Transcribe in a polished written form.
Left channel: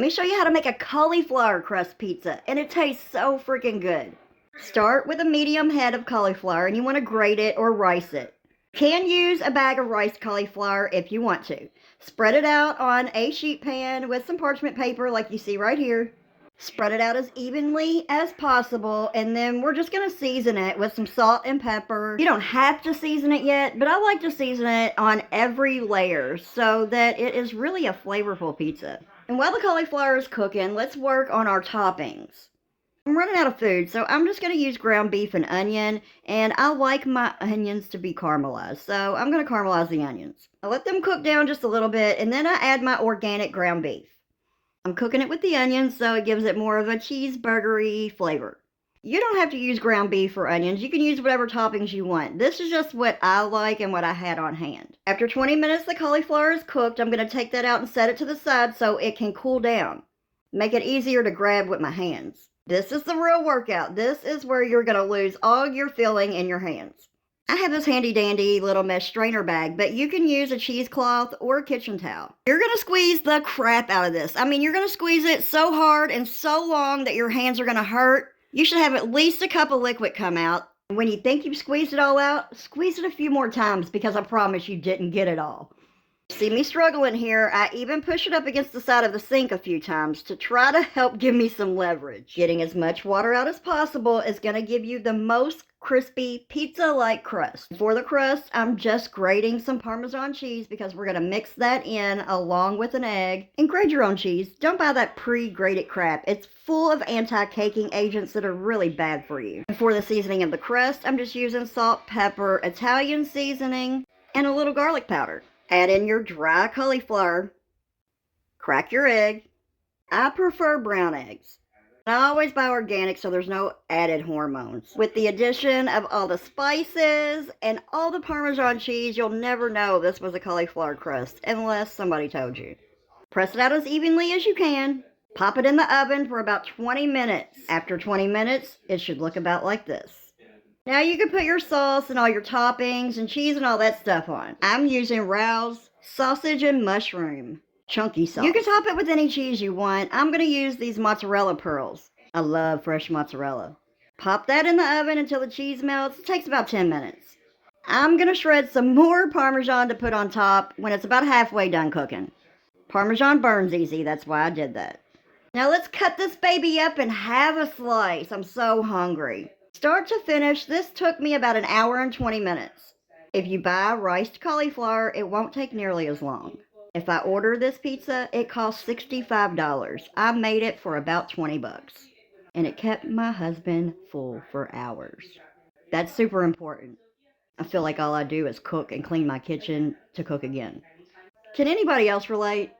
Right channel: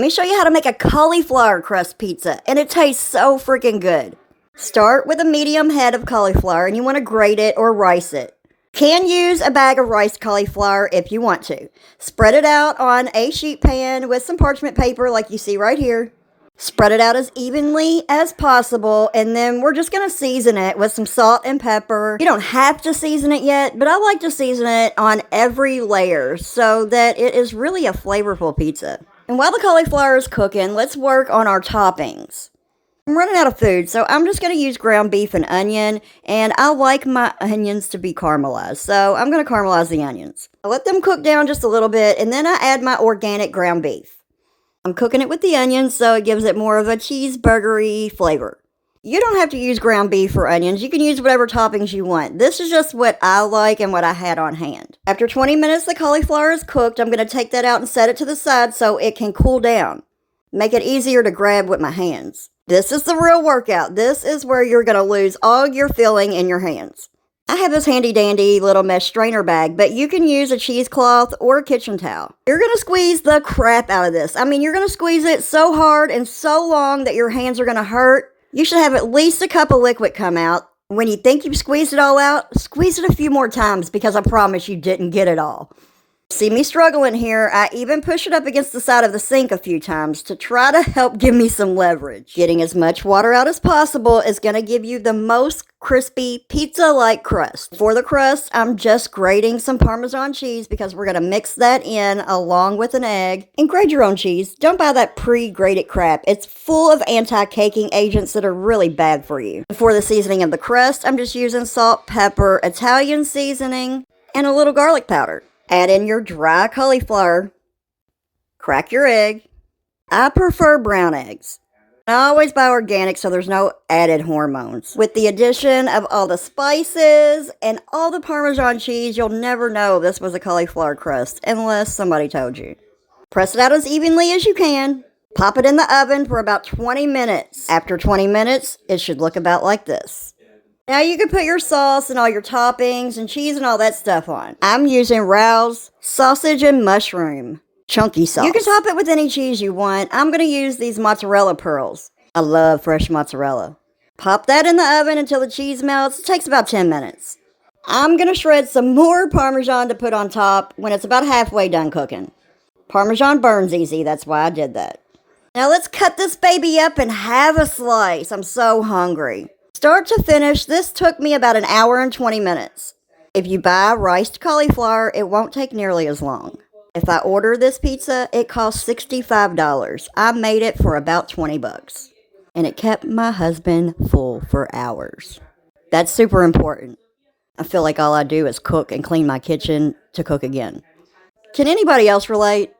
Let me show you how to make a cauliflower crust pizza, and it tastes so freaking good. Start with a medium head of cauliflower, and you want to grate it or rice it. Can use a bag of riced cauliflower if you want to. Spread it out on a sheet pan with some parchment paper like you see right here. Spread it out as evenly as possible, and then we're just going to season it with some salt and pepper. You don't have to season it yet, but I like to season it on every layer so that it is really a flavorful pizza. And while the cauliflower is cooking, let's work on our toppings. I'm running out of food, so I'm just going to use ground beef and onion, and I like my onions to be caramelized, so I'm going to caramelize the onions. I let them cook down just a little bit, and then I add my organic ground beef. I'm cooking it with the onions, so it gives it more of a cheeseburgery flavor. You don't have to use ground beef or onions. You can use whatever toppings you want. This is just what I like and what I had on hand. After 20 minutes the cauliflower is cooked, I'm going to take that out and set it to the side so it can cool down. Make it easier to grab with my hands. This is the real workout. This is where you're going to lose all your filling in your hands. I have this handy dandy little mesh strainer bag, but you can use a cheesecloth or a kitchen towel. You're going to squeeze the crap out of this. I mean, you're going to squeeze it so hard and so long that your hands are going to hurt. You should have at least a cup of liquid come out. When you think you've squeezed it all out, squeeze it a few more times because I promise you didn't get it all. See me struggling here. I even push it up against the side of the sink a few times to try to help give me some leverage. Getting as much water out as possible is going to give you the most crispy pizza-like crust. For the crust, I'm just grating some Parmesan cheese because we're going to mix that in along with an egg. And grate your own cheese. Don't buy that pre-grated crap. It's full of anti-caking agents that are really bad for you. For the seasoning of the crust, I'm just using salt, pepper, Italian seasoning, and a little garlic powder. Add in your dry cauliflower. Crack your egg. I prefer brown eggs. I always buy organic so there's no added hormones. With the addition of all the spices and all the Parmesan cheese, you'll never know this was a cauliflower crust unless somebody told you. Press it out as evenly as you can. Pop it in the oven for about 20 minutes. After 20 minutes, it should look about like this. Now you can put your sauce and all your toppings and cheese and all that stuff on. I'm using Rao's sausage and mushroom chunky sauce. You can top it with any cheese you want. I'm going to use these mozzarella pearls. I love fresh mozzarella. Pop that in the oven until the cheese melts. It takes about 10 minutes. I'm going to shred some more Parmesan to put on top when it's about halfway done cooking. Parmesan burns easy, that's why I did that. Now let's cut this baby up and have a slice. I'm so hungry. Start to finish, this took me about an hour and 20 minutes. If you buy riced cauliflower, it won't take nearly as long. If I order this pizza, it costs $65. I made it for about 20 bucks. And it kept my husband full for hours. That's super important. I feel like all I do is cook and clean my kitchen to cook again. Can anybody else relate?